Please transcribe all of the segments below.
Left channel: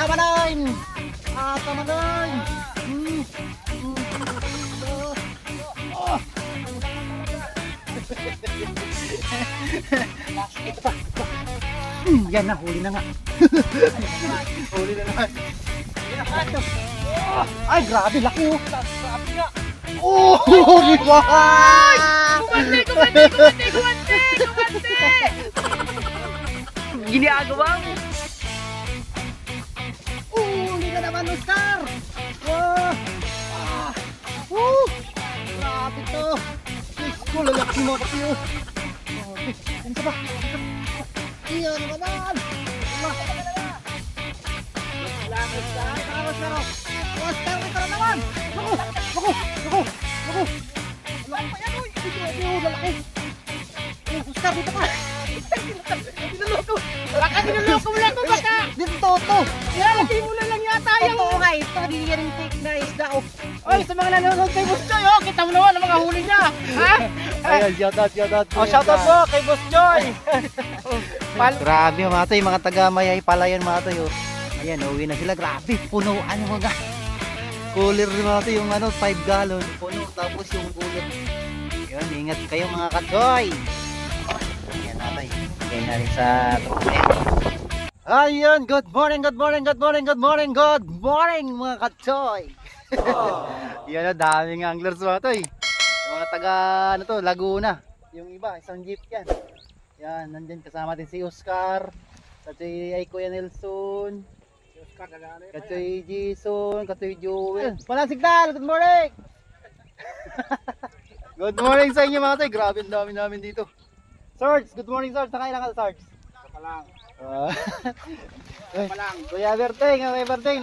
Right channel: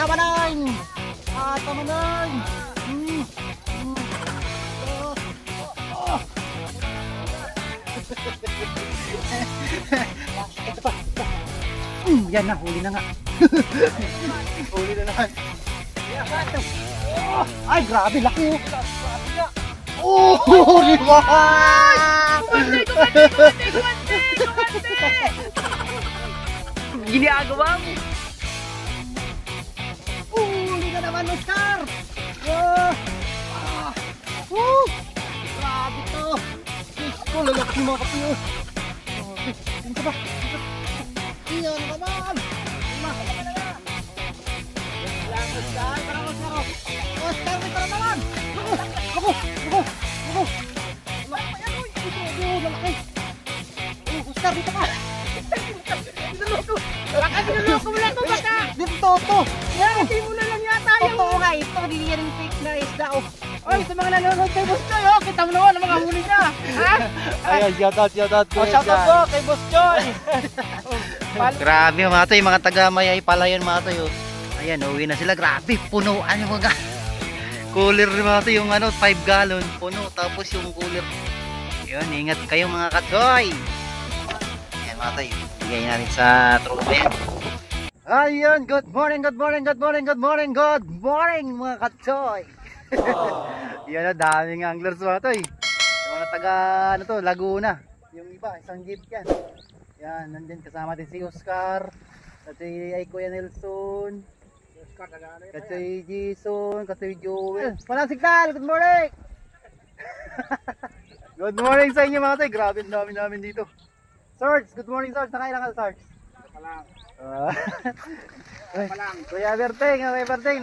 tama na yun. Tama na yun. Ito pa. Yan na, huli na nga. Huli na naman. Ay, grabe, laki oh. Oh, di ba? Ginagawa mo. Huli na naman no, star. Grabe to. Diyos ko, lalaki mga kapiyo. Tingin ka ba? Iyan naman. Star. Oh, star, may tara naman. Naku. Lalaki. Star, dito ka. Binuloko mo lang ko baka. Dito to. Hindi mo na lang yata yun. Totoo nga ito. Hindi yan yung fake na isda. Oy, sa mga nanonood kay Boss Joy. Kita mo naman ang mga huli niya. Ayan, shoutout. Shoutout po kay Boss Joy. Grabe mga toy, mga taga-Mayay Palayan mga toy. Ayan, uwi na sila. Grabe, punuan yung mga cooler mga toy. Yung 5 gallon, puno. Tapos yung cooler. Yun, ingat kayo mga katsoy. Ayan mga toy, bigay natin sa tropa yan. Ayan, good morning mga katsoy. Yan na, daming anglers mga toy. Yung mga taga Laguna. Yung iba, isang jeep yan. Yan, nandyan kasama din si Oscar. Katoy ay Kuya Nelson. Si Oscar, katoy Jason, katoy Joel. Walang signal, good morning! Good morning sa inyo mga toy. Grabe, ang dami namin dito. Sarge, good morning Sarge. Nakailan ka Sarge? Isa pa lang. Kuya Berteng,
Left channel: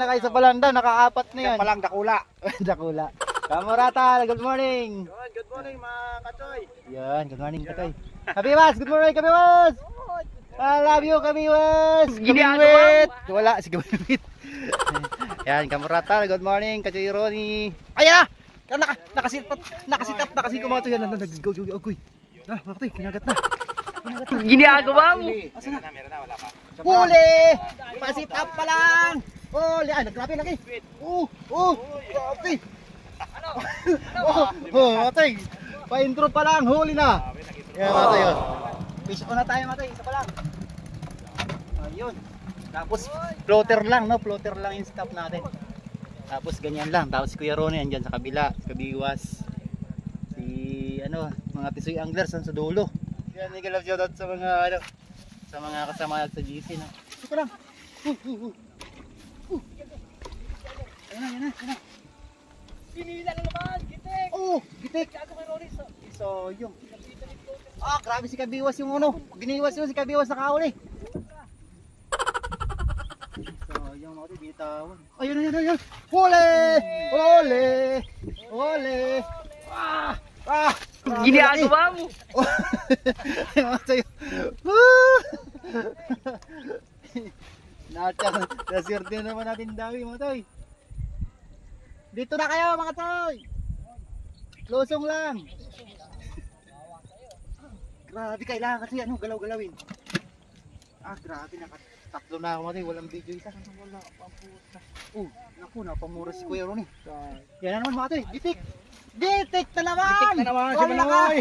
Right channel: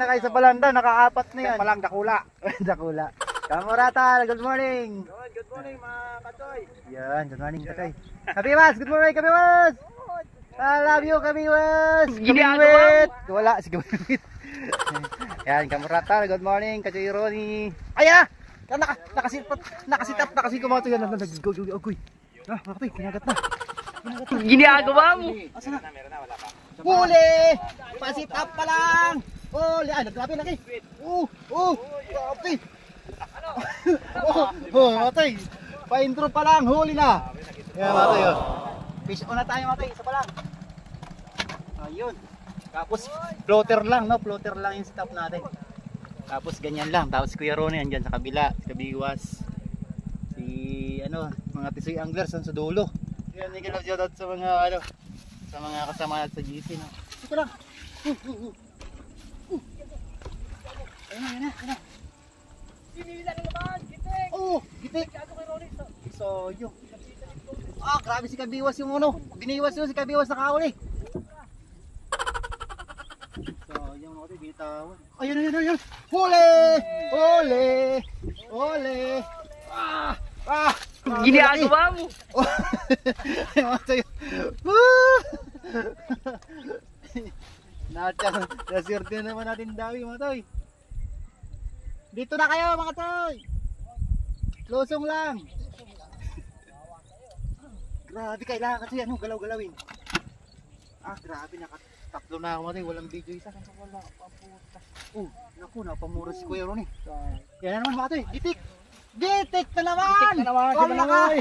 nakaisa pa lang daw, nakaapat na yan. Isa pa lang, dakula. Dakula. Kamurata, good morning. Good morning mga katsoy. Yan, good morning katay. Kabiwas, good morning Kabiwas. I love you Kabiwas. Kabiwit. Wala, si Kabiwit. Yan, Kamurata, good morning Katsoy Ronnie. Ayan na! Nakasitap mga to yan. Go. Agoy. Mga toy, kinagat na. Ginagawa mo. Asa na? Huli! Pasit up pa lang! Huli! Ay, naggrabe laki! Grabe! Matay! Pa-intro pa lang, huli na! Yan matay oh. Fish on na tayo matay, isa pa lang! Ayun. Tapos floater lang, no? Floater lang yung stop natin. Tapos ganyan lang. Tapos Kuya Ronnie andyan sa kabila, sa Kabiwas. Si mga tisoy anglers sa dulo. Yan, may love shoutout sa mga sa mga kasama sa GC, no? Ito lang! Ayun na. Pinila na naman, gitik. Gitik! So, yung Grabe si Kabiwas yung biniwas yun si Kabiwas nakahuli! So, yung mga bitawan. Ayun! Huli! Ginagawa mo. Naswerte na naman natin dawi mga toy. Dito na kayo mga toy! Losong lang. Grabe, kailangan kasi galaw-galawin. Grabe, nakatatlo na ako mga toy. Walang video isa. Naku, napamura si Kuya Ronnie. Yan na naman mga toy, gitik na naman! Wala ka!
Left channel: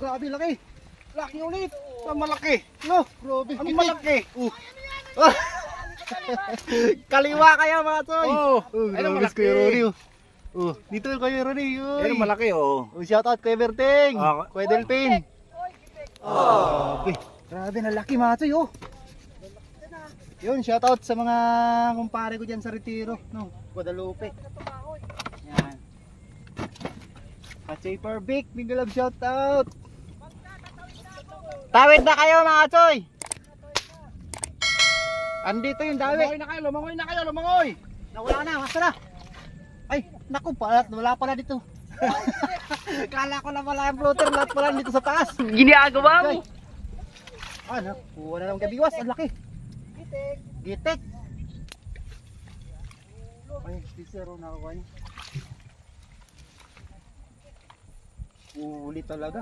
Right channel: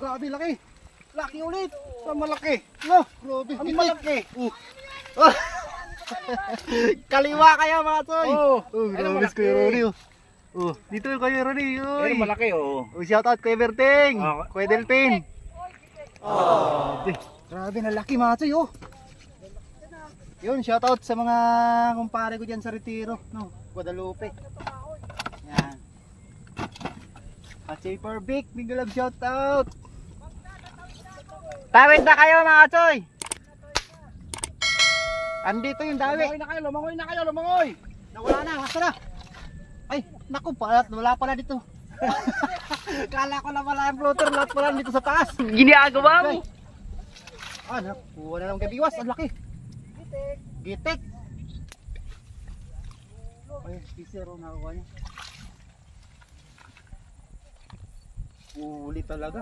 Grabe, laki! Laki ulit! Malaki. Grabe, gitik! Kaliwa kayo mga toy! Grabe si Kuya Ronnie. Dito Kuya Ronnie. Malaki Shout out Kuya Berteng. Kuya Delpin. Grabe na laki mga toy Yun, shout out sa mga kumpare ko dyan sa Retiro, no? Guadalupe. Yan. Katsoy Parbic, big love shout out. Tawid na kayo mga toy! Andito yung dawi! Lumangoy na kayo, lumangoy! Nawala na, basta na! Ay, naku, wala pala dito. Kala ko na wala yung floater, lahat pala dito sa taas. Ginagawa mo. Nakuha na ng Kabiwas, ang laki. Gitik. Ay, pisero nakakuha niya. Uli talaga.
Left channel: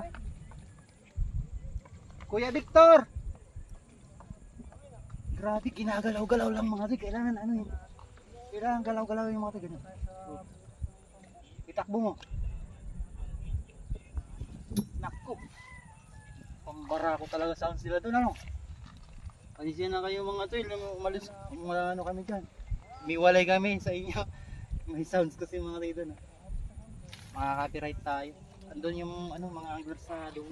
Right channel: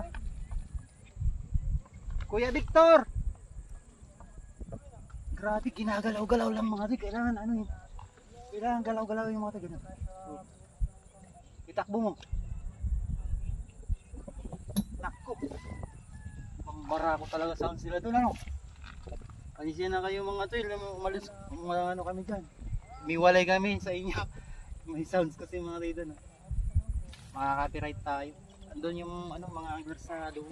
Kuya Victor! Grabe, ginagalaw-galaw lang mga toy. Kailangan ano yun. Kailangan galaw-galaw yung mga toy. Ganun. Oh. Itakbo mo. Nakko. Pambara ko talaga sound sila doon ano. Panisya na kayo mga toy. Umalis, ano kami dyan. Miwalay kami sa inyo. May sounds kasi mga toy doon. Makaka-copyright tayo. Andun yung ano, mga anglers sa doon.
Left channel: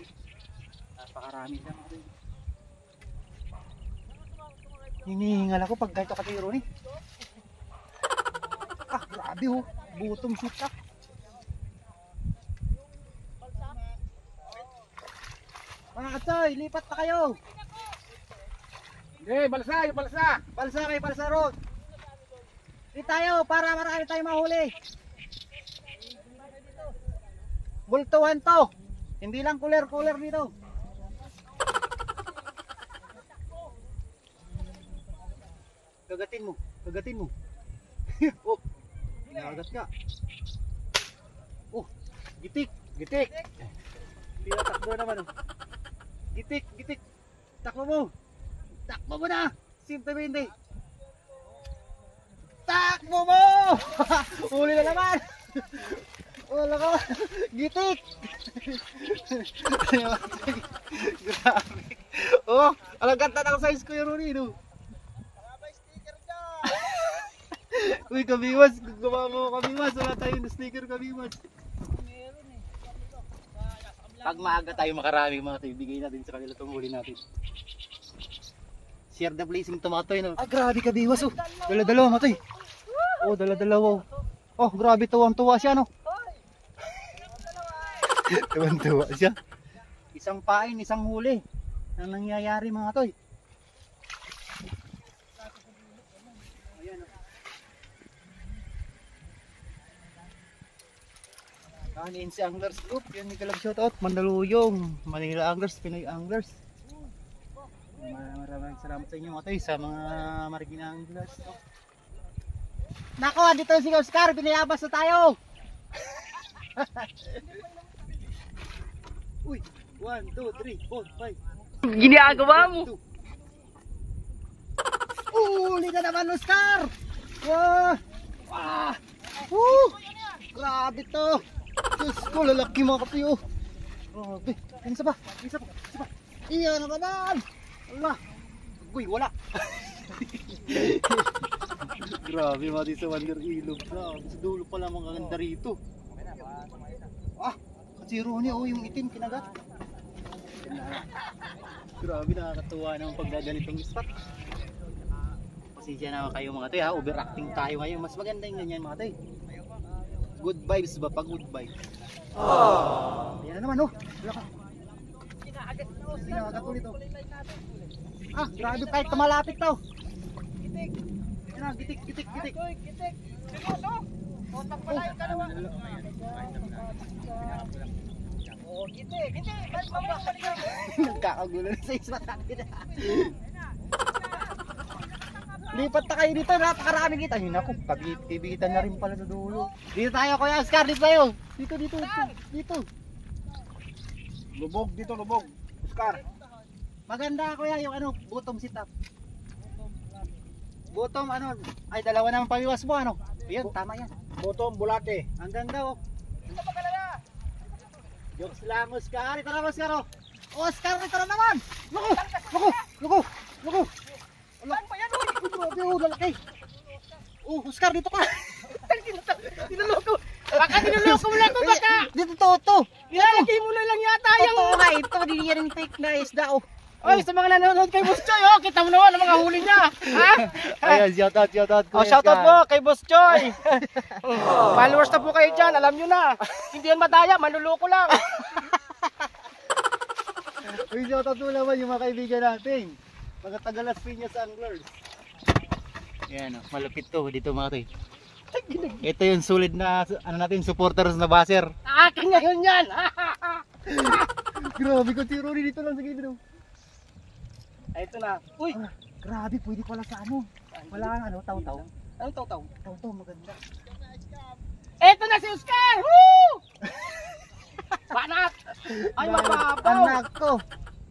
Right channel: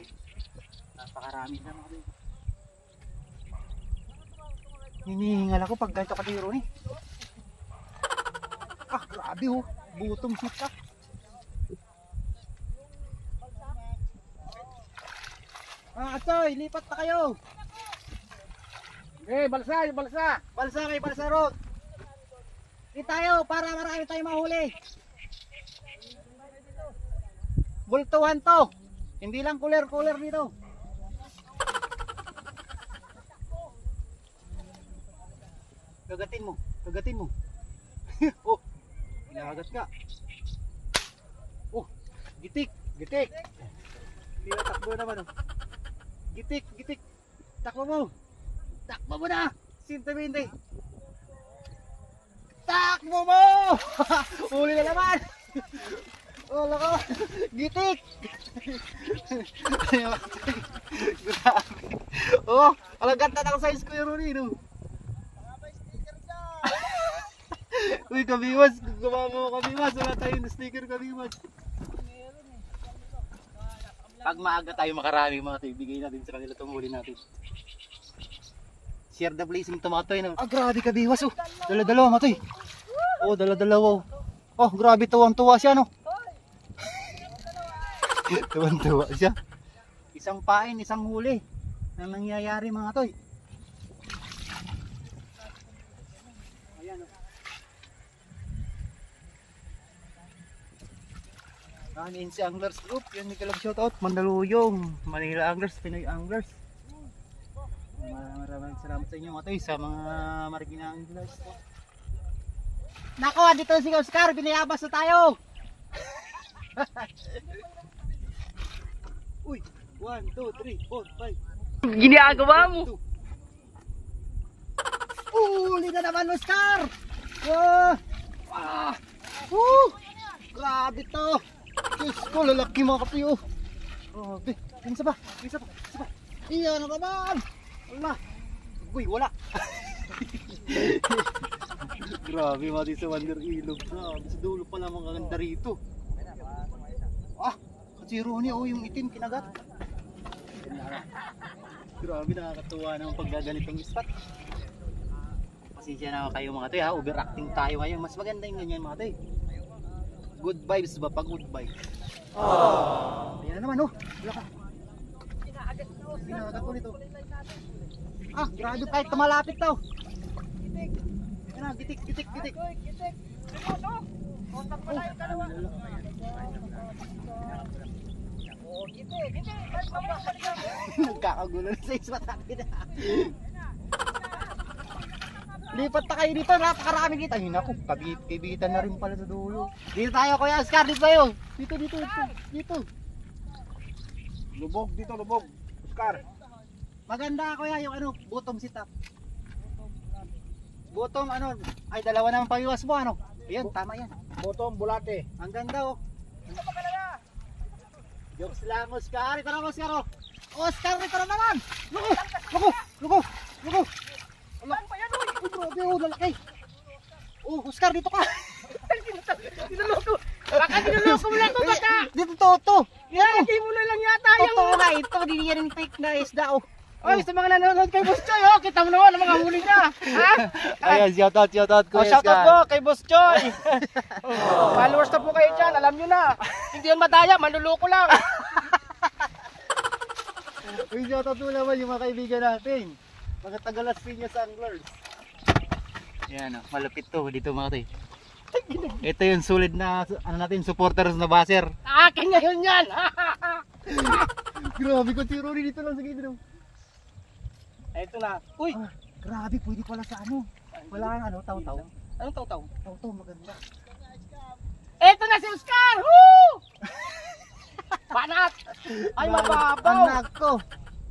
Napakarami lang mga toy. Hinihingal ako pag ganito katiro ni. Ah, grabe oh. Butong sitak. Mga katsoy, lipat na kayo. Balsa, yung balsa. Balsa kayo, balsa road. Di tayo para marami tayo mahuli. Bultuhan to. Hindi lang cooler dito. Gagatin mo. Oh, inagat ka. Oh, gitik. Tira takbo naman oh. Gitik. Takbo mo na. 120. Takbo mo. Uli na naman. Wala ka. Gitik. Grabe. Oh, alang ganda ng size ko yung Rooney no. Uy, kabiwas, gumawa mo kabiwas, wala tayong sticker kabiwas. Pag maaga tayo makarami mga tayo, bigay natin sa kanila itong huli natin. Share the blazing tomato yun. Ah, grabe kabiwas oh. Dala-dalawa mga tayo. Oh, dala-dalawa. Oh, grabe tuwang-tuwa siya no. Tuwang-tuwa siya. Isang pain, isang huli. Ang nangyayari mga toy. Ayan oh. NC Anglers Group, yan may talag shoutout. Mandaluyong, Manila Anglers, Pinoy Anglers. Maraming salamat sa inyo mga toy, sa mga marigina anglers. Oh. Nako, dito si Oscar, binayabas na tayo. Uy, 1, 2, 3, 4, 5. Ginagawa mo. Uli na naman Oscar. Wow. Ah. Grabe to. Diyos ko, lalaki mga kapiyo. Grabe. Isa pa. Iyan na naman. Wala. Uy, wala. Grabe mga sa Wonder Ilog. Grabe, sa dulo pala mga ganda rito. Ah, kasi Ronnie, oh, yung itim kinagat. Grabe, nakakatuwa naman pag ganitong spot. Pasensya na kayo mga toy ha, overacting tayo ngayon. Mas maganda yung ganyan mga toy. Good vibes ba pag good vibes? Ayan naman oh, wala ka. Pinagat ulit oh. Ah, grabe kahit malapit to. Ayan na, gitik. Oh, nagkakagulo na sa ispat natin. Lipat na kayo dito, napakaraming kita. Ayun ako, kabitan na rin pala sa dulo. Dito tayo Kuya Oscar, dito tayo. Dito. Lubog. Oscar. Maganda Kuya yung ano, bottom sit-up. Bottom ano, ay dalawa naman pawiwas mo ano. Ayun, tama yan. Bottom, bulate. Ang ganda oh. Jokes lang Oscar, ito na Oscar oh. Oscar, ito na naman. Luko. Ala, grabe oh, lalaki. Oh, Oscar, dito ka. Tinuloko. Baka tinuloko mo lang ko baka. Dito to. Ilagay mo na lang yata yung... Totoo nga ito, hindi yan fake na isda oh. Oy, sa mga nanonood kay Boss Choy, oh, kita mo naman ang mga huli niya. Ha? Ayan, shoutout Oh, shoutout po kay Boss Choy. Followers na po kayo dyan, alam nyo na. Hindi yan madaya, manluloko lang. Uy, shoutout mo naman yung mga kaibigan natin. Mga taga-Las Piñas Anglers. Yan, malapit to dito mga toy. Ito yung solid na ano natin, supporters na baser. Akin ngayon yan. Grabe ko si Ronnie dito lang sa gilid. Ito na. Uy, Grabe, pwede pala sa ano. Wala kang ano, taw-taw. anong taw-taw? Taw-taw, maganda. Ito na si Oscar! Woo! Banat! Ay, mababaw! Anak ko,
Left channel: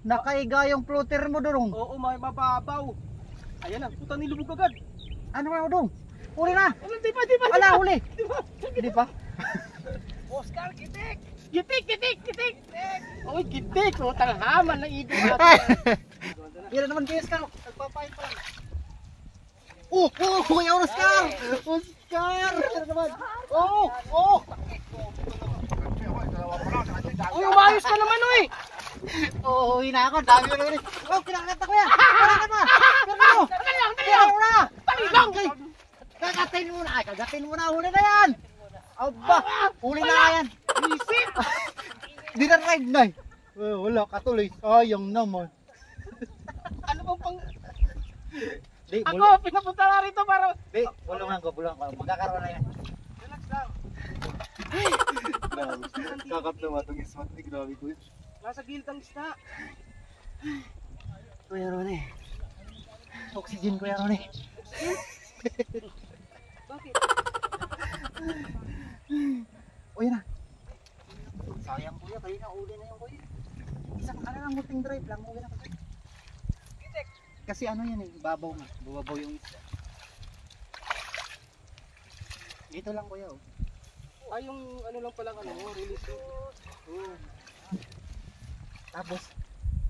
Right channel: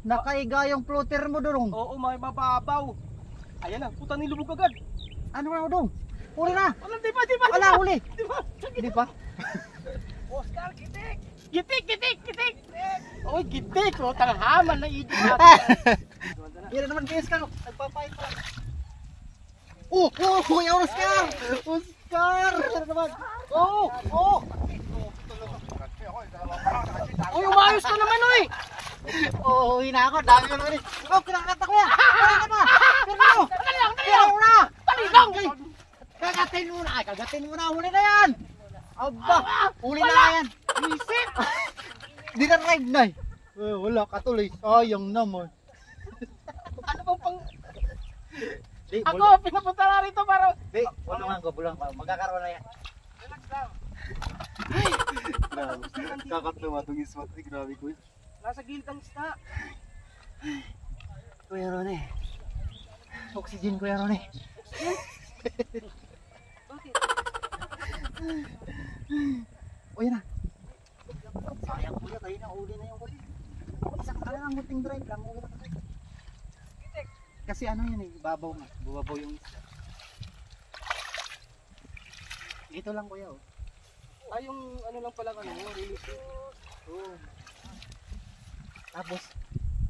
nakaiga yung floater mo doon. Oo, may mababaw. Ayan na, puta nilubog agad. Ano ba, Udong? Huli na! Walang di ba? Wala, huli! Di ba? Hindi pa? Oscar, gitik! Gitik! Oy, gitik! Putang haman ng ido. Yan naman kayo, Oscar. Nagpapahit pa lang. Kuya Oscar! Oscar! Ano naman? Uy, umayos ka naman, oy! Uwi na ako. Dami ko naman eh. Kinakata ko yan. Kinakata na. Pero na. Palilang! Kagatin muna. Ay, kagatin muna. Huli na yan. Aba, huli na yan. Isip! Di na ride na eh. Wala ka tuloy. Sayang naman. Ano bang pang... Di, Ako, pinapunta na rito para... Di, bulungan ko. Magkakaroon na yan. Relax lang. Grabe. Kakatawa itong ismat. Grabe ko yun. Nasa gilid ang isda. Kuya Ronnie. Oxygen, Kuya Ronnie. Bakit? Uy na. Sayang kuya, kayo na uli na yung kuya. Isang lang, muting drive lang. Uwi na kasi. Kasi ano yan eh, babaw nga. Bubabaw yung isda. Dito lang kuya oh. Ay, yung ano lang pala, release. Oo. Tapos,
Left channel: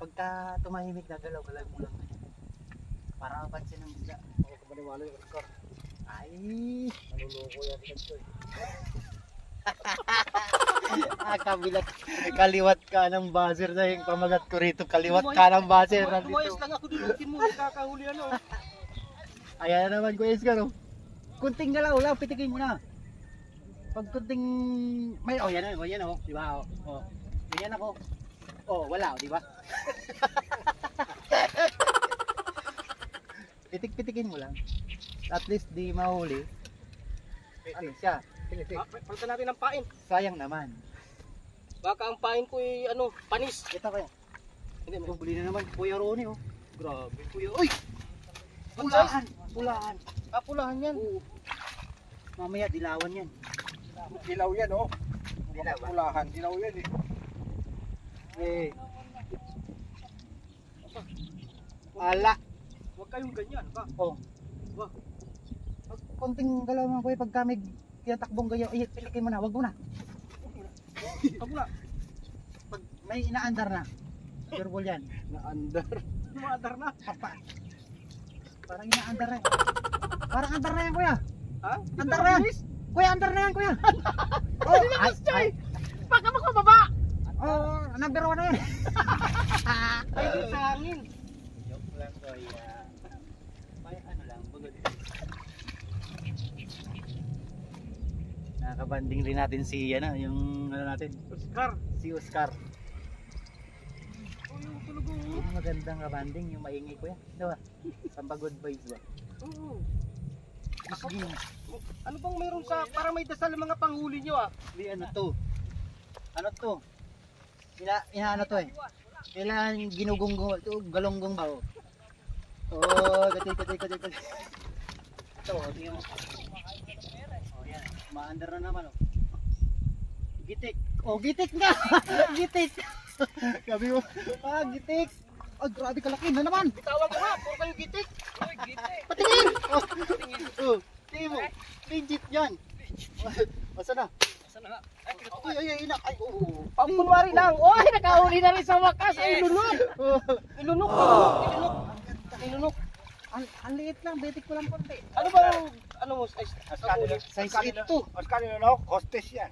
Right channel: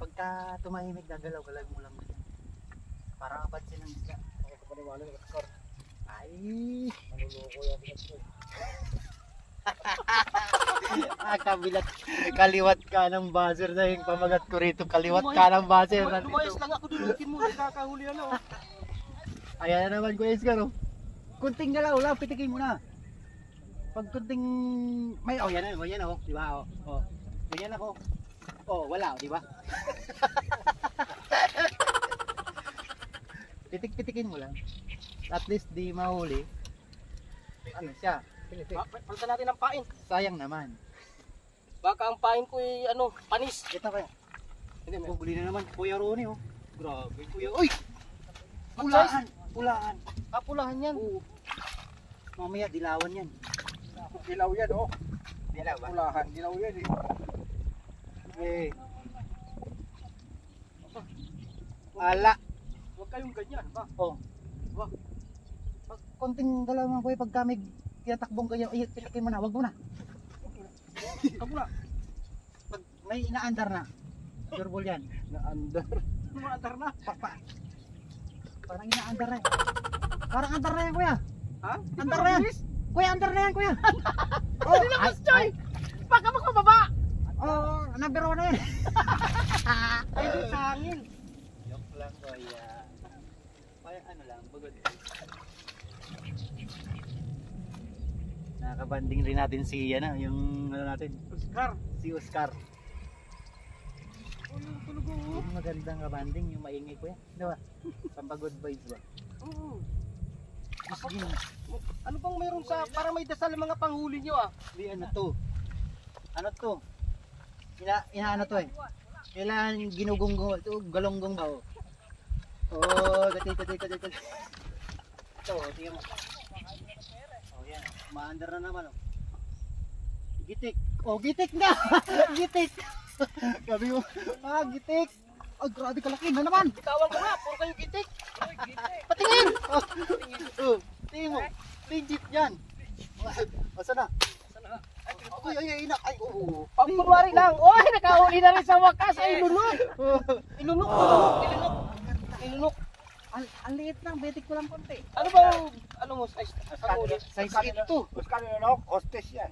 pagka tumahimik, gagalaw-galaw mo lang. Para kapansin ng isda. Maniwala yung Oscar. Ay! Nanuloko yan dito eh. Kabilat, kaliwat ka ng buzzer na yung pamagat ko rito. Kaliwat ka ng buzzer Lumayas nandito. lang ako, dudukin mo, nakakahuli ano. Ayan na naman Kuya Oscar oh. Kunting galaw lang, pitikin mo na. Pag kunting may yan oh, di ba oh. Oh. Ganyan ako. Oh, wala oh, di ba? Pitik-pitikin mo lang. At least di mahuli. Ano siya? Palitan natin ang pain. Sayang naman. Baka ang pain ko ay ano, panis. Ito kaya. Hindi na. Huli na naman Kuya Ronnie oh. Grabe kuya. Uy! Pulahan! Pulahan! Kapulahan yan. Oo. Mamaya dilawan yan. Dilaw yan oh. Dilaw ba? Kapulahan, dilaw yan eh. Eh. Ala. Huwag kayong ganyan ba? Oh. Wag. Pag konting galaw mga kuya, pag kami tinatakbong kayo, ay, pilikin mo na, wag mo na. Kapula. Pag may inaandar na, sure ball yan. Naandar. Naandar na. Parang inaandar na. Parang andar na yan kuya. Ha? Andar na yan. Kuya, andar na yan kuya. Oh, ay. Baka magpababa. Oh, number 1 na yan. Ay, sa hangin. Joke lang kuya. Parang ano lang, bagod. Nakabanding rin natin si yung ano natin, Oscar. si Oscar. Oh, yung tulog oh. Yung magandang kabanding, yung maingay kuya. Diba? Good vibes ba? Oo. Sige. Ano bang mayroon sa para may dasal ang mga panghuli nyo ah? Di ano to? Ano to? Ano to eh? Kailan ginugunggong ito, galonggong ba oh? Oh, kati. Ito, tingnan mo. Oh, yan. Maandar na naman oh. Gitik. Oh, gitik na. Gitik. Gabi mo. Gitik. Oh, grabe kalaki na naman. Tawag ka nga, puro kayo gitik. Patingin. Oh, tingin mo. Legit yan. Asa na? Ay, inak. Ay, oo. Pangkunwari lang. Oy, nakahuli na rin sa wakas. Ay, ilunok. Ilunok. Ilunok. Ang liit lang, betik ko lang konti. Ano ba yung, ano mo, size? Size 8 to. Mas kanina no, hostess yan.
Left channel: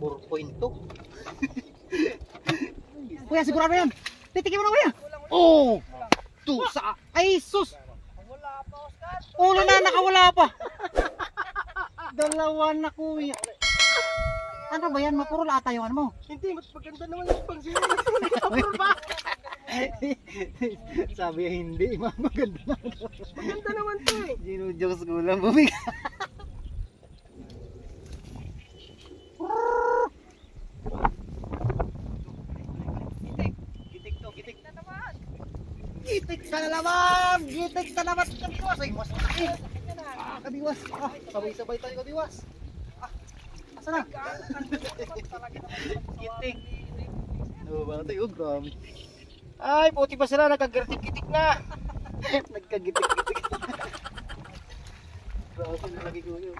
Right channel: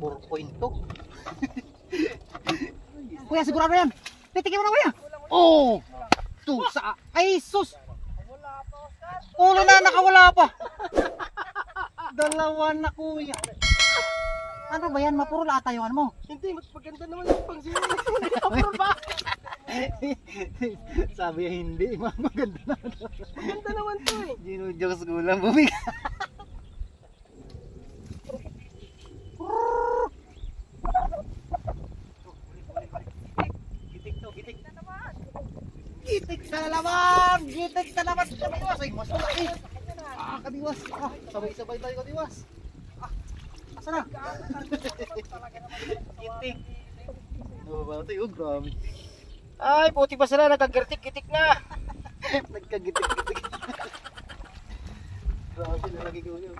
4.2. Kuya, sigurado yan. Pitikin mo na kuya. Oh! Tusa. Ay, sus. Ulo na, nakawala pa. Dalawa na kuya. Ano ba yan? Mapuro lata yung ano mo. Hindi, mas maganda naman yung pangsinig. ba? Sabi niya hindi. Maganda na. Maganda naman to eh. Ginujokes ko lang bumig. Gitik na naman! Gitik na naman! Kabiwas! Ay, mas malaki! Kabiwas! Sabay-sabay tayo kabiwas! Asa na? Gitik! Ano ba tayo? Grabe! Ay, puti pa sila, nagkagirtik-gitik na. Nagkagitik-gitik. Grabe na lagi ko yun.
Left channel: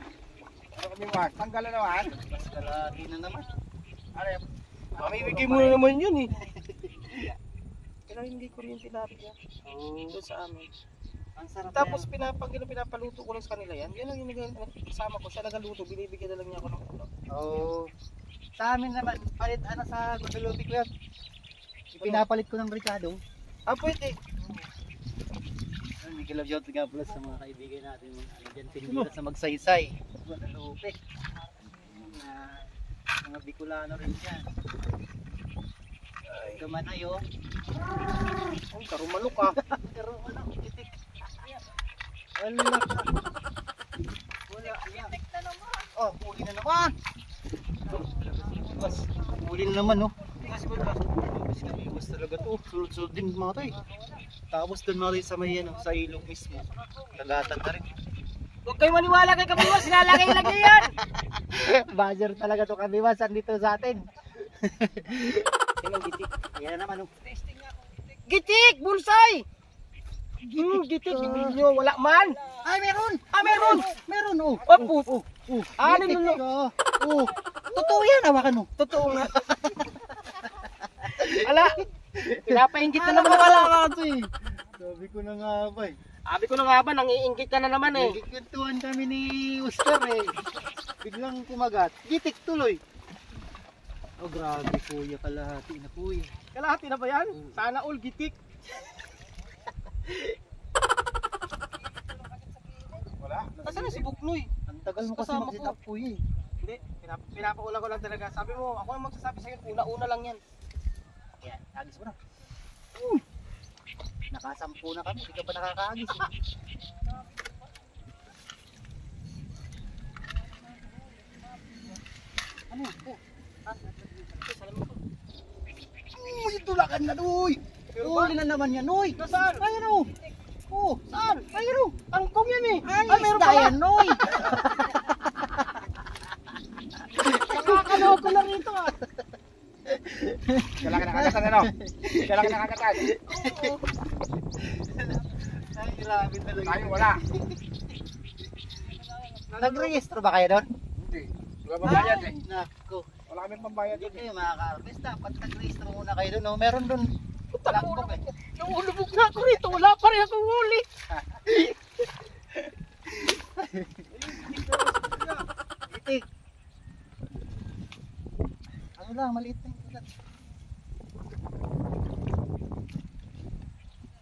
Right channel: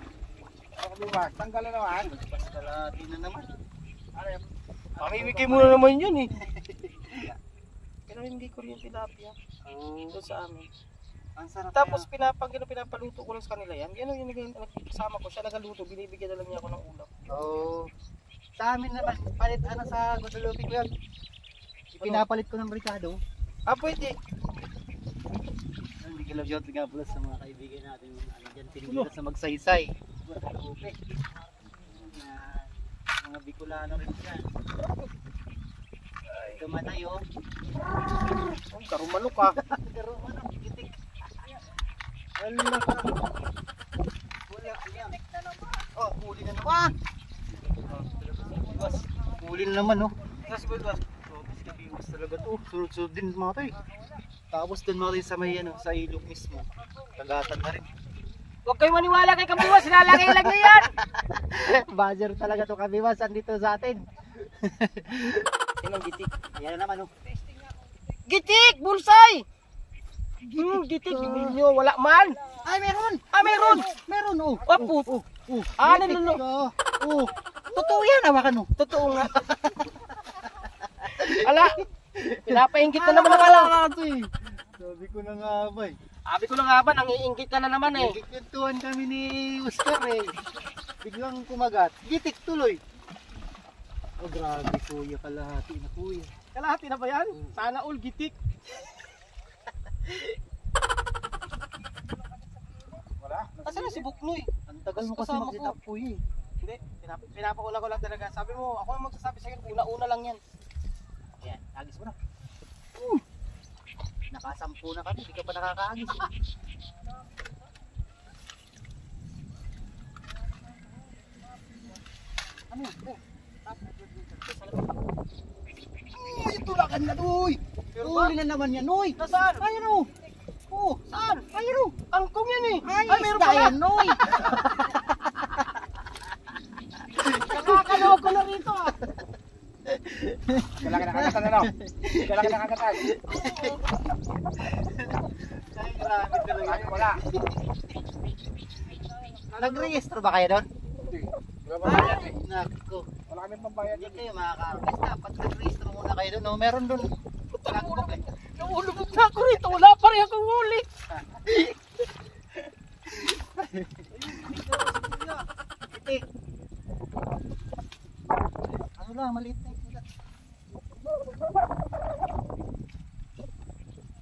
Tanggal na naman. Mas kalahati na naman. Mamimigay mo na naman yun eh. Pero hindi ko rin yung tilapia. Oo. Doon sa amin. Ang sarap Tapos na. pinapaluto ko lang sa kanila yan. Gano'n yung kasama ko siya nagaluto. Binibigyan na lang niya ako ng ulam. Oo. Sa amin naman, palit ano sa Guadalupe ko yan. Ipinapalit ko ng Ricardo. Ah, pwede. Hindi love shot nga pala sa mga kaibigan natin yung ano dyan, tinigila sa Magsaysay. Guadalupe. Mga Bicolano rin dyan. Ito manay oh. Oh, tarumalok ah. Pero ano, kitik. Wala ka. Wala, ayan. Oh, huli na naman. Iwas. Huli na naman oh. Kasi ko ito. Mabis kami, iwas talaga to. Sunod-sunod din mga to eh. Tapos doon mga rin sa may ano, sa ilog mismo. Tagatan na rin. Huwag kayo maniwala kay Kabiwas, sinalagay lang niya yan. Buzzer talaga to Kabiwas, andito sa atin. Tingnan gitik. Yan na naman oh. Gitik! Bulsay! Gitik, bibili nyo, wala man. Ay, meron! Ah, meron! Meron oh. Oh, Ah, Gitik nanuno. ka. Oh. Totoo yan, hawakan oh. Totoo nga. Ala, pinapainggit na Alam naman mo wala ako. ka to eh. Sabi ko na nga ba eh. Sabi ko na nga ba, nangiinggit ka na naman eh. Nagkikwentuhan kami ni Oscar eh. Biglang kumagat. Gitik tuloy. Oh grabe kuya, kalahati na kuya. Kalahati na ba yan? Sana all gitik. Wala? Kasi na si Buknoy. Ang tagal mo kasi Kasama ko. magsitap kuya eh. Hindi, pinapauna ko lang talaga. Sabi mo, ako ang magsasabi sa'yo, una-una lang yan. Yan, agis mo na. Nakasampu na kami, di ka pa nakakaagis eh. Ano? Oh. Uy, tulakan na doy! Huli na naman yan, Noy! Nasaan? Ayan o! Oh, Saan? ayan o! Angkong yan eh. Ay, meron isda pala. yan, Noy! Nakakaloko na rito ah. Kailangan nakakatan ano? Kailangan nakakatan. Ay, grabe talaga. Ay, wala. Nag-register ba kayo doon? Hindi. Wala pambayad eh. Nako. Wala kami pambayad. Hindi kayo makaka-artist. Dapat nag-register muna kayo doon. No? Meron doon. Logbook eh. Naulubog na ako rito. Wala pa rin akong huli. Itik. Ano lang, maliit na yung kulat.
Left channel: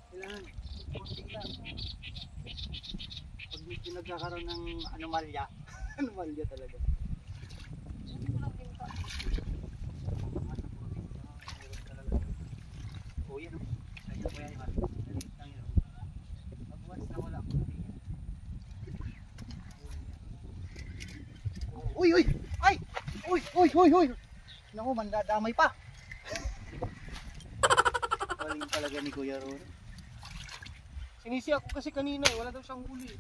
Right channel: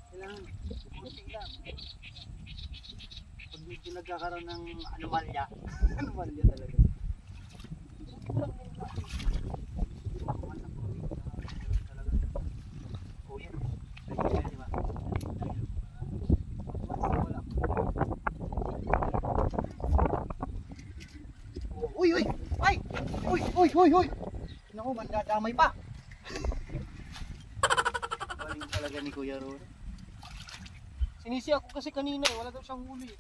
Kailangan, konting lang. Pag medyo nagkakaroon ng anomalya, anomalya talaga. Oh, yan o. Kaya diba? Uy, uy! Ay! Uy, uy, uy, uy! Naku, mandadamay pa! Galing talaga ni Kuya Ron. Sinisi ako kasi kanina eh. Wala daw siyang huli.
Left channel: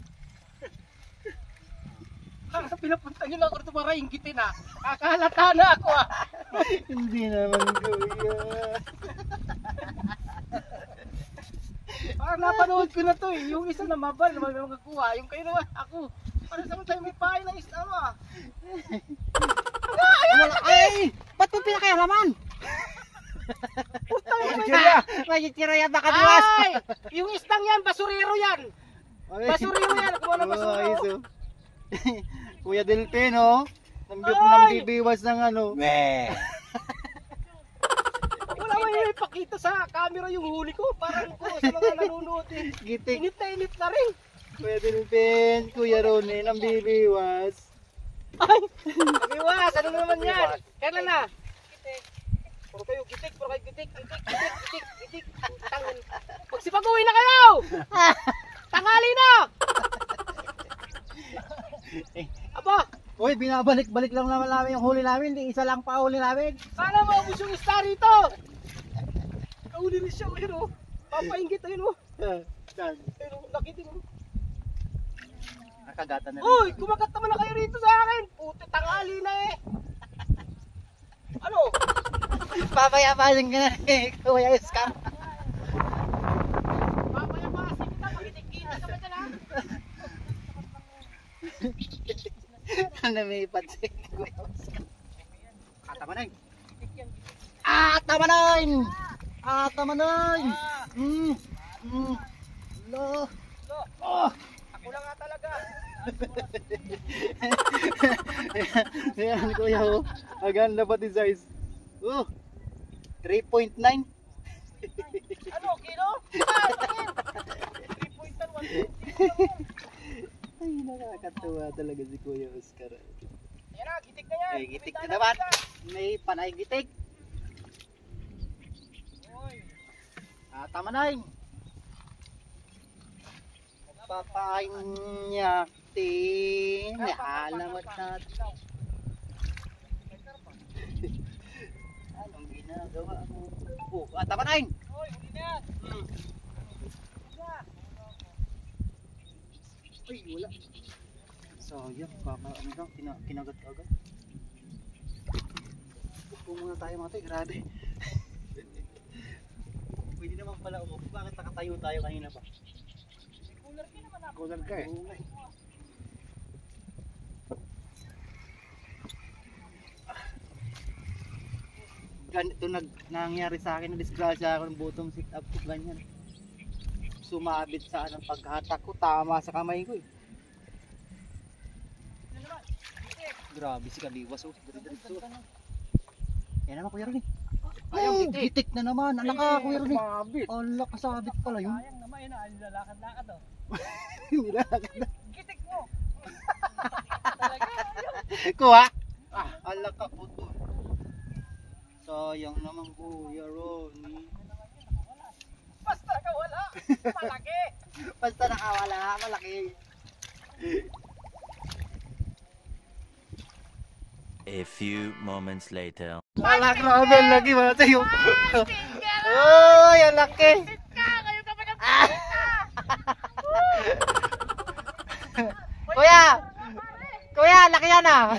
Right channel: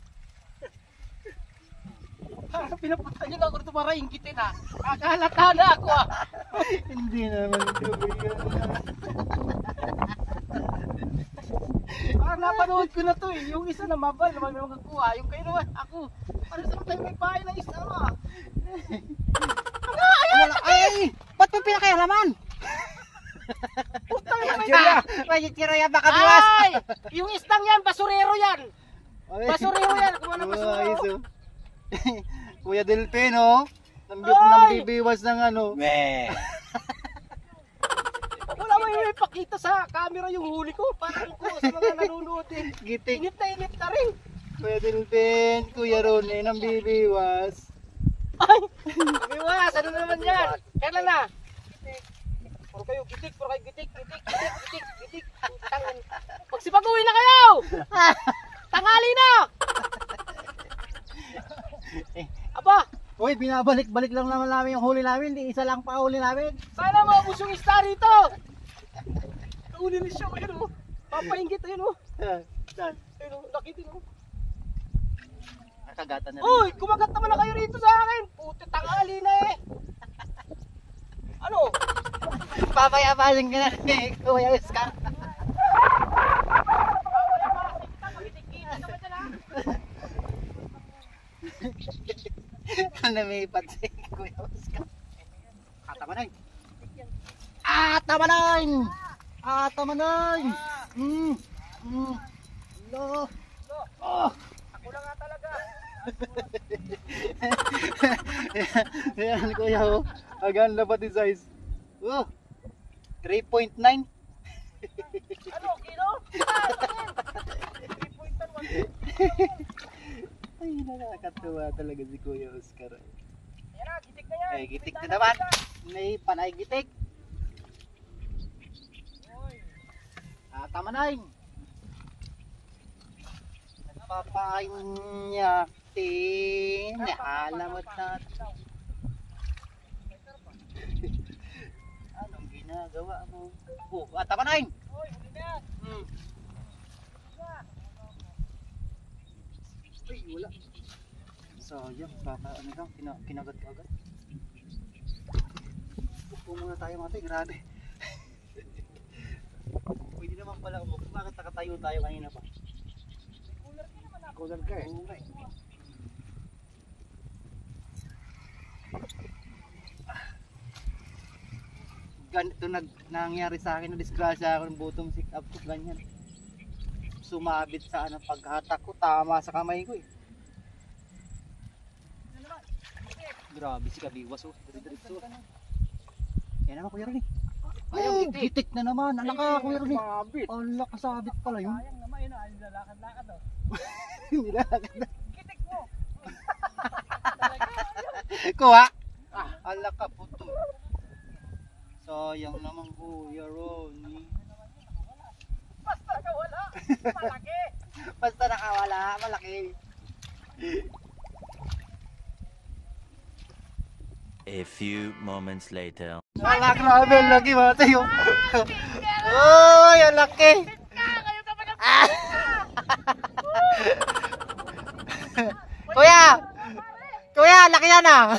Pinapunta niyo na ako rito para inggitin ah. Kakalata na ako ah. Hindi naman Kuya. Parang napanood ko na to eh. Yung isa na mabal na magkakuha. Yung kayo naman ako. Parang isang tayo may pahay ng isa ah. Wala, ay! Ba't may pinakailaman? May tiraya baka buwas! Ay! Yung istang yan, basurero yan. Basurero yan. Kung ano basurero. Kuya Delpin, oh. Nambibiwas ng ano. Meh. Wala mo yung ipakita sa camera yung huli ko. Parang ko sa mga nanonood eh. Gitik. Inip na rin. Kuya Delpin, Kuya Ron, nambibiwas. Ay! Nabiwas! Ano naman yan? Kailan na? Puro kayo gitik, gitik. Magsipag-uwi na kayo! Tanghali na! Aba, Uy, binabalik-balik lang naman namin yung huli namin. Di isa lang pa huli namin. sana maubos yung star rito! Nahuli rin siya, ayun o. Papainggit, ayun o. Saan? Ayun o, nakitin o. Nakagatan na rin. Uy, kumagat naman na kayo rito sa akin. Puti, tanghali na eh. Ano? Papayapasin ka na eh, Kuya Oscar. Ano may patsik? Tama na yun. Tama na yun. Tama na yun. Lo. Oh. Ako lang nga talaga. Yan kuya oh. Agan na pati size. Oh. 3.9. Ano, kilo? 3.1. Ay, nakakatuwa talaga si Kuya Oscar. Ayan na, gitik na yan. Ay, gitik na naman. May panay gitik. Tama na yun. Nagpapanyakting. Alamat natin. Anong ginagawa mo? Oh, tama na yun. Uy, huli na yan. Ay, wala. Sayang, baka ano lang, kinagat-agat. Upo muna tayo mga tayo, grabe. Pwede naman pala umupo, bakit nakatayo tayo kanina pa? Kulang ka eh. Oo nga eh. Ganito nangyari sa akin, na-disgrasya ako ng bottom sit up ko, ganyan. Sumabit sa anong paghatak ko, tama sa kamay ko eh. Grabe si Kabiwas oh, dire-diretso. Yan naman Kuya Ronnie. Oh, gitik na naman, anak ka Kuya Ronnie. Ala, kasabit pala yun. Sayang naman yun, lalakad-lakad oh. Nilakad na. Gitik mo. Kuha. Ala ka puto. Sayang naman Kuya Ronnie. Basta ka wala. Malaki. Basta nakawala, malaki. A few moments later. Ala, grabe, ang laki mga tayo. Uy, ang laki. Kayo ka pa ng Kuya! Kuya, laki yan ah.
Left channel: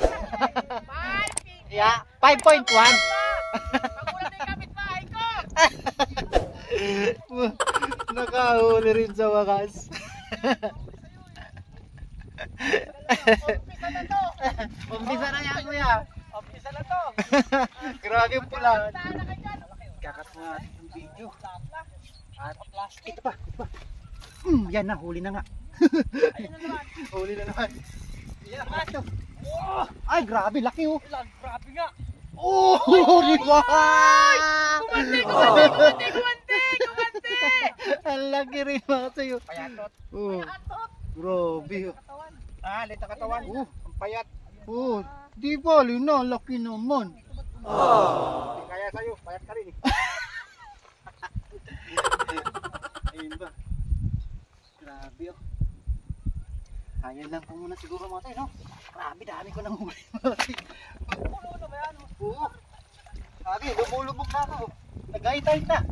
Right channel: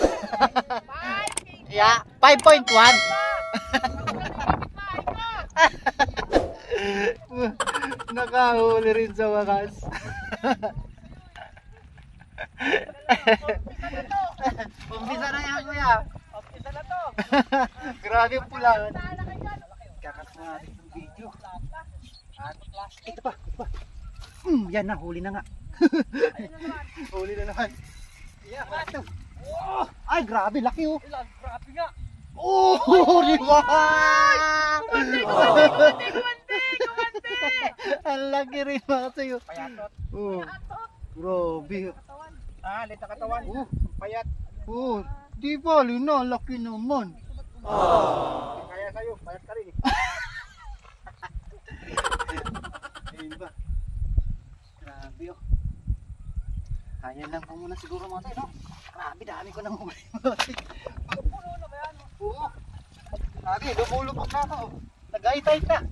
Yeah, 5.1. Nakahuli rin sa wakas. Umpisa na yan kuya. Umpisa na to. Grabe yung pulaan. Kakat mo natin yung video. At ito pa. Yan na, huli na nga. Huli na naman. Ito. Oh, ay, grabe, laki oh. Grabe nga. Oh, di ba? Ang laki rin mga tayo. Payatot. Oh, grabe. Lita katawan. Oh, Payat. oh, di ba, Lina, laki naman. Kaya sa'yo, payat ka rin eh. Ayun ba? Grabe oh. Ayan lang pa muna siguro mga tayo, no? Grabe, dami ko nang huli mga tayo. Oo. Grabe, lumulubog na ito. Nag-high-tide na.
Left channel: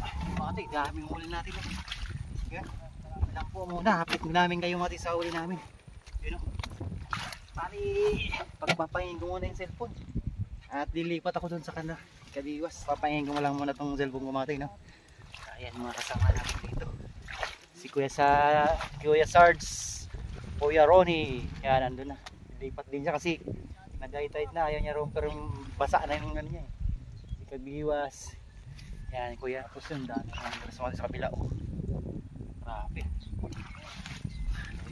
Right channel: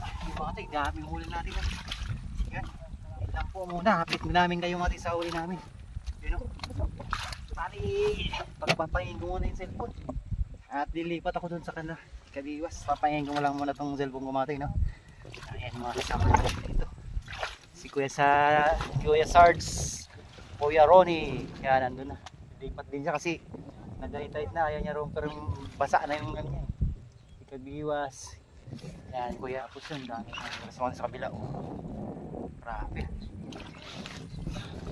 Ayun mga tayo, daming huli natin. No? Yan. Lang po muna, hapit namin kayo mga tayo sa huli namin. Yun o. Pari, pagpapahin ko muna yung cellphone. At dilipat ako dun sa kanila. Kabiwas, papahin ko lang muna itong cellphone ko mga tayo, no? Ayan mga kasama natin dito. Si Kuya Sarge, Kuya Ronnie, yan nandun na. Lipat din siya kasi nag-high-tide na, ayaw niya ron pero basa na yung ano niya eh. Si Kabiwas, yan Kuya Apos yun, dami na sa kabila. Oh. Grabe.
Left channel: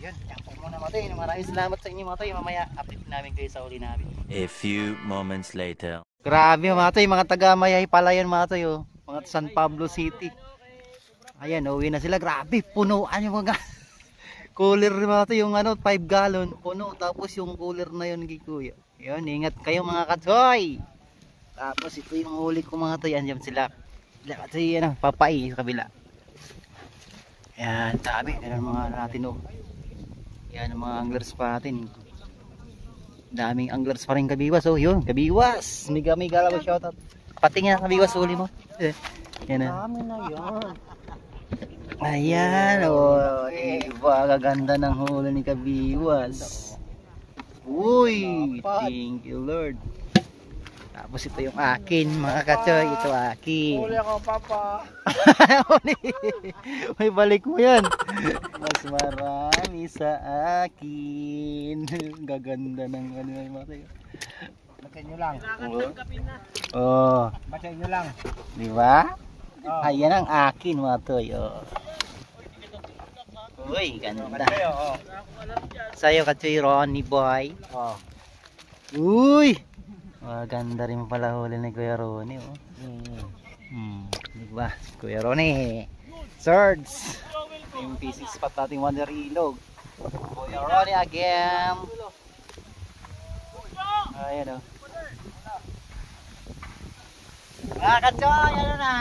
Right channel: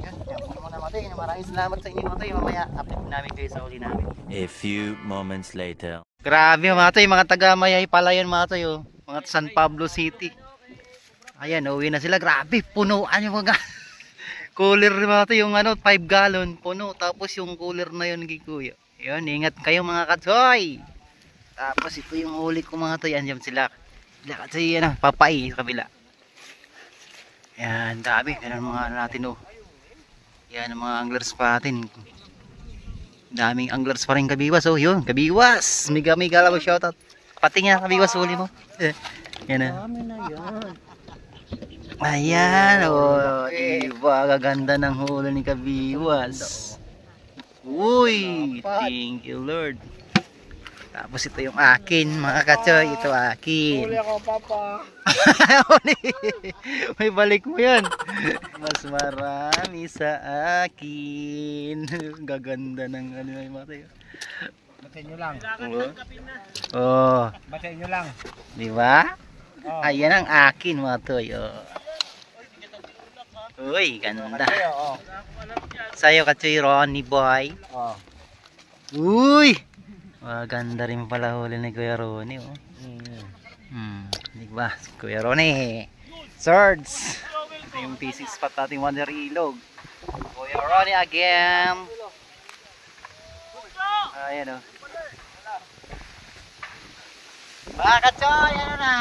Ayan, yan po muna matay. Maraming salamat sa inyo matay. Mamaya update namin kayo sa uli namin. A few moments later. Grabe matay, mga taga-Mayay pala yan matay oh. Mga San Pablo City. Ayan, uwi na sila. Grabe, punuan yung mga cooler mga yung ano, 5 gallon puno. Tapos yung cooler na yun Kuya. Yun, ingat kayo mga katsoy. Tapos ito yung huli ko mga to. Yan sila. Kasi yan, papay sa kabila. Yan, dami. Yan ang mga ano natin oh. Yan ang mga anglers pa natin. Daming anglers pa rin Kabiwas oh. Yun, Kabiwas. Mega lang shoutout. Pati nga Kabiwas huli mo. Yan na. Dami na yan. Ayan, oh, diba, gaganda ng huli ni Kabiwas. Uy, thank you Lord. Tapos ito yung akin mga katsoy. Ito akin. Huli ako, Papa. May balik mo yan. Mas marami sa akin. Gaganda ng ano yung mga tayo. Batiin nyo lang. Oh, Batiin nyo lang. di ba? Oh. Ayan ang akin mga toy. Oh. Uy, ganda. Oo. Sa'yo katsoy Ronnie boy. Oh. Uy! Maganda rin pala huli ni Kuya Ronnie. Oh. Di ba? Si Kuya Ronnie. Swords. Ito yung fishing spot natin Wonder Ilog. Kuya Ronnie again. Ayan o. Mga katsoy, ano na?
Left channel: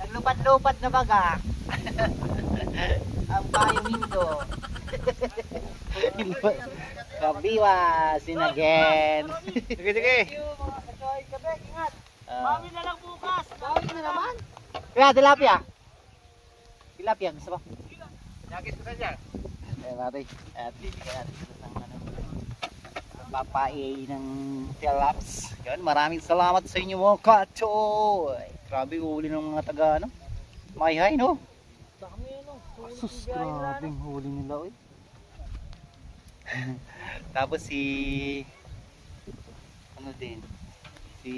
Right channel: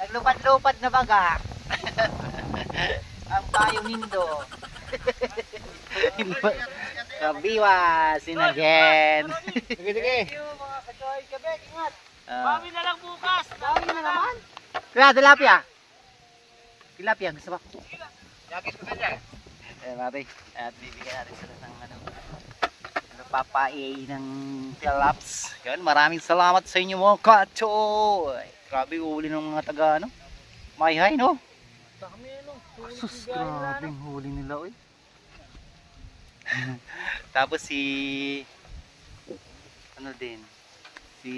Naglupad-lupad na baga. Ang tayong nindo. Kabiwasin again. Sige, sige. Bawi na lang bukas. Bawi na naman. Kaya tilapia. Tilapia gusto ba? Yakis ko kanya. Mati. At bibigyan natin sila ng ano. Papai ng tilaps. Yan, maraming salamat sa inyo mga katsoy. Grabe huli ng mga taga ano. Mayhay no. Sus, grabing huli nila oy. Tapos si ano din si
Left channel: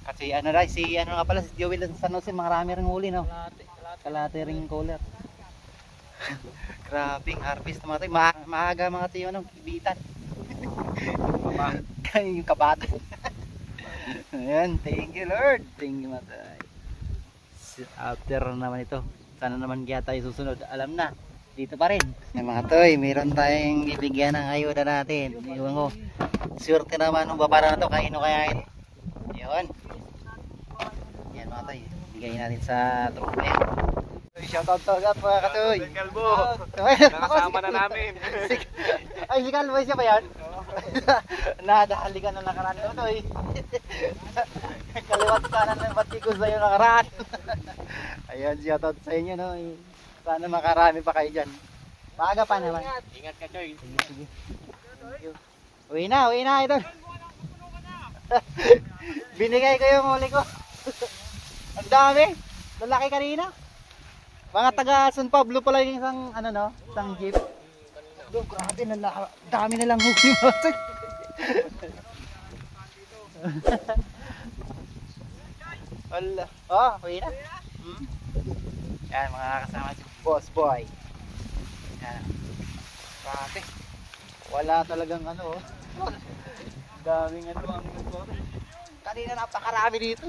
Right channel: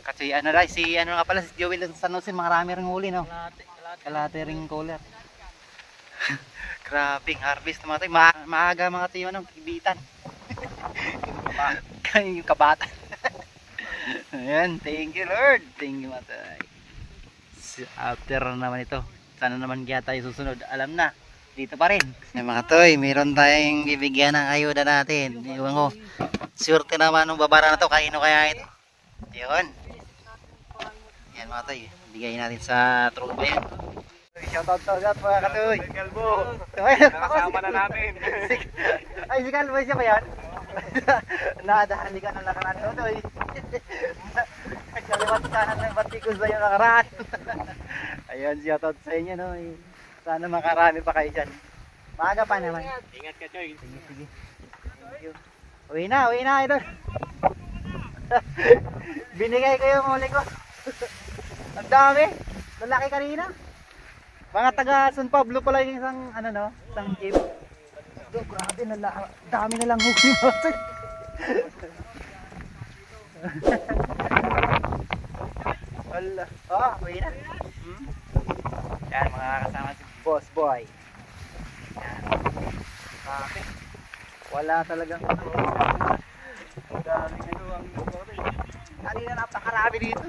kasi ano rin si ano nga pala si Joel ng San Jose, marami ring huli no. Kalate ring kulat. Grabing harvest mga tayo. Maaga mga tayo ano, kibitan. Kaya yung kabata. Ayan, thank you Lord. Thank you mga tayo. After naman ito, sana naman kaya tayo susunod. Alam na, dito pa rin. Yung mga toy, meron tayong bibigyan ng ayuda natin. Iwan ko, swerte naman ng babara na to. Kaino kaya ito? Yun. Yan mga toy, bigay natin sa tropa yan. Shoutout to agad mga katoy. Kalbo. Nakasama na namin. Ay, si Kalbo siya ba yan? Nadahali ka na nakaraan ko toy. Kaliwat kanan ng batikos na yung nakaraan. Ayun, shoutout sa inyo no. Sana makarami pa kayo dyan. Maaga pa naman. Ingat ka, Choy. Sige, sige. Thank you. Uwi na ito. Binigay ko yung huli ko. Ang dami. Lalaki kanina. Mga taga San Pablo pala yung isang ano no, isang jeep. Do, grabe na dami na lang huli mo. Wala. Oh, uwi na. Yan mga kasama si Boss Boy. Yan. Grabe. Wala talagang ano. Daming ano ang hotel. Kanina napakarami dito.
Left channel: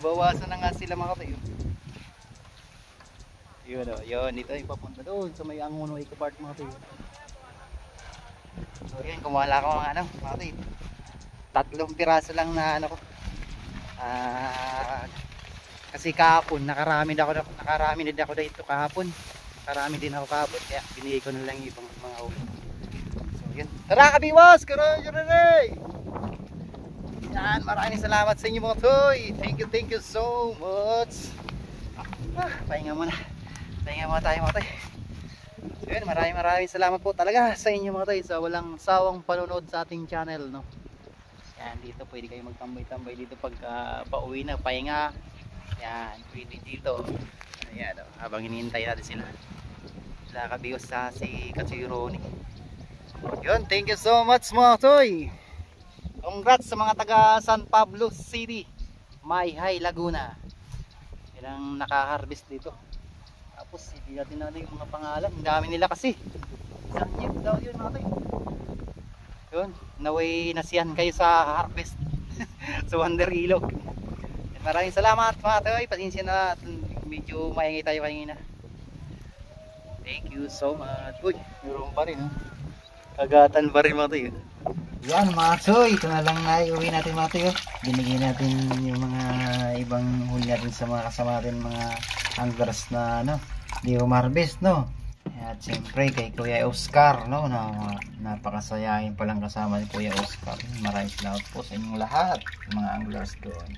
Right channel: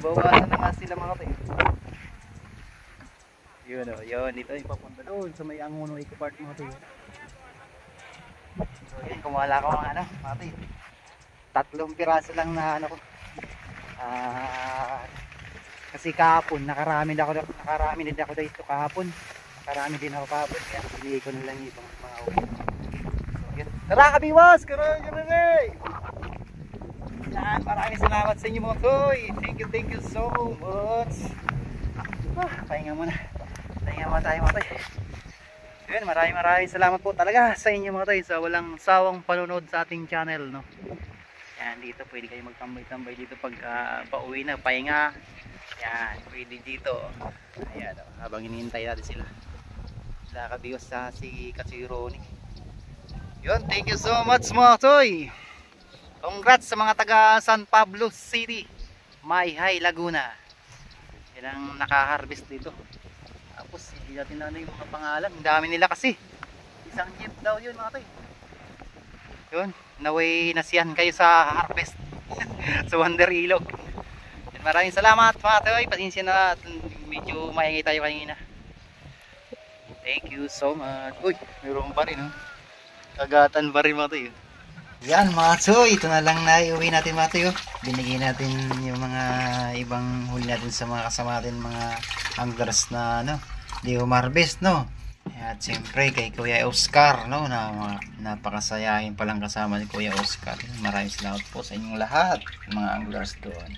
Bawasan na nga sila mga tayo. Yun o, yun. Dito yung papunta doon sa may Angono Eco Park mga tayo. So yun, kumala ko mga ano mga tayo. 3 piraso lang na ano ko. Kasi kahapon nakarami din ako dito kahapon. Nakarami din ako kahapon kaya binigay ko na lang yung mga huli. So yun. Tara kabiwas! Karoy! Yan, maraming salamat sa inyo mga toy. Thank you so much. Pahinga muna tayo mga toy. Yun, maraming salamat po talaga sa inyo mga toy sa walang sawang panonood sa ating channel no. Yan, dito pwede kayo magtambay-tambay dito pag pauwi na, pahinga. Yan, pwede dito. Yan, habang hinihintay natin sila. Nakabiyos sa si Katsoy Ronnie. Yun, thank you so much mga toy. Congrats sa mga taga San Pablo City, Mayhay, Laguna. Yan ang naka-harvest dito. Tapos hindi natin ano yung mga pangalan. Ang dami nila kasi. Isang jeep daw yun mga toy. Yun, naway nasiyan kayo sa harvest sa Wonder Ilog. Maraming salamat mga toy. Pasensya na medyo maingay tayo kanina. Thank you so much. Uy, meron pa rin oh. Kagatan pa rin mga toy. Yan mga toy, ito na lang na iuwi natin mga toy. Binigay natin yung mga ibang huli natin sa mga kasama natin mga anglers na ano, di umarbest no. At siyempre kay Kuya Oscar no, na napakasayahin palang kasama ni Kuya Oscar. Maraming salamat po sa inyong lahat mga anglers doon.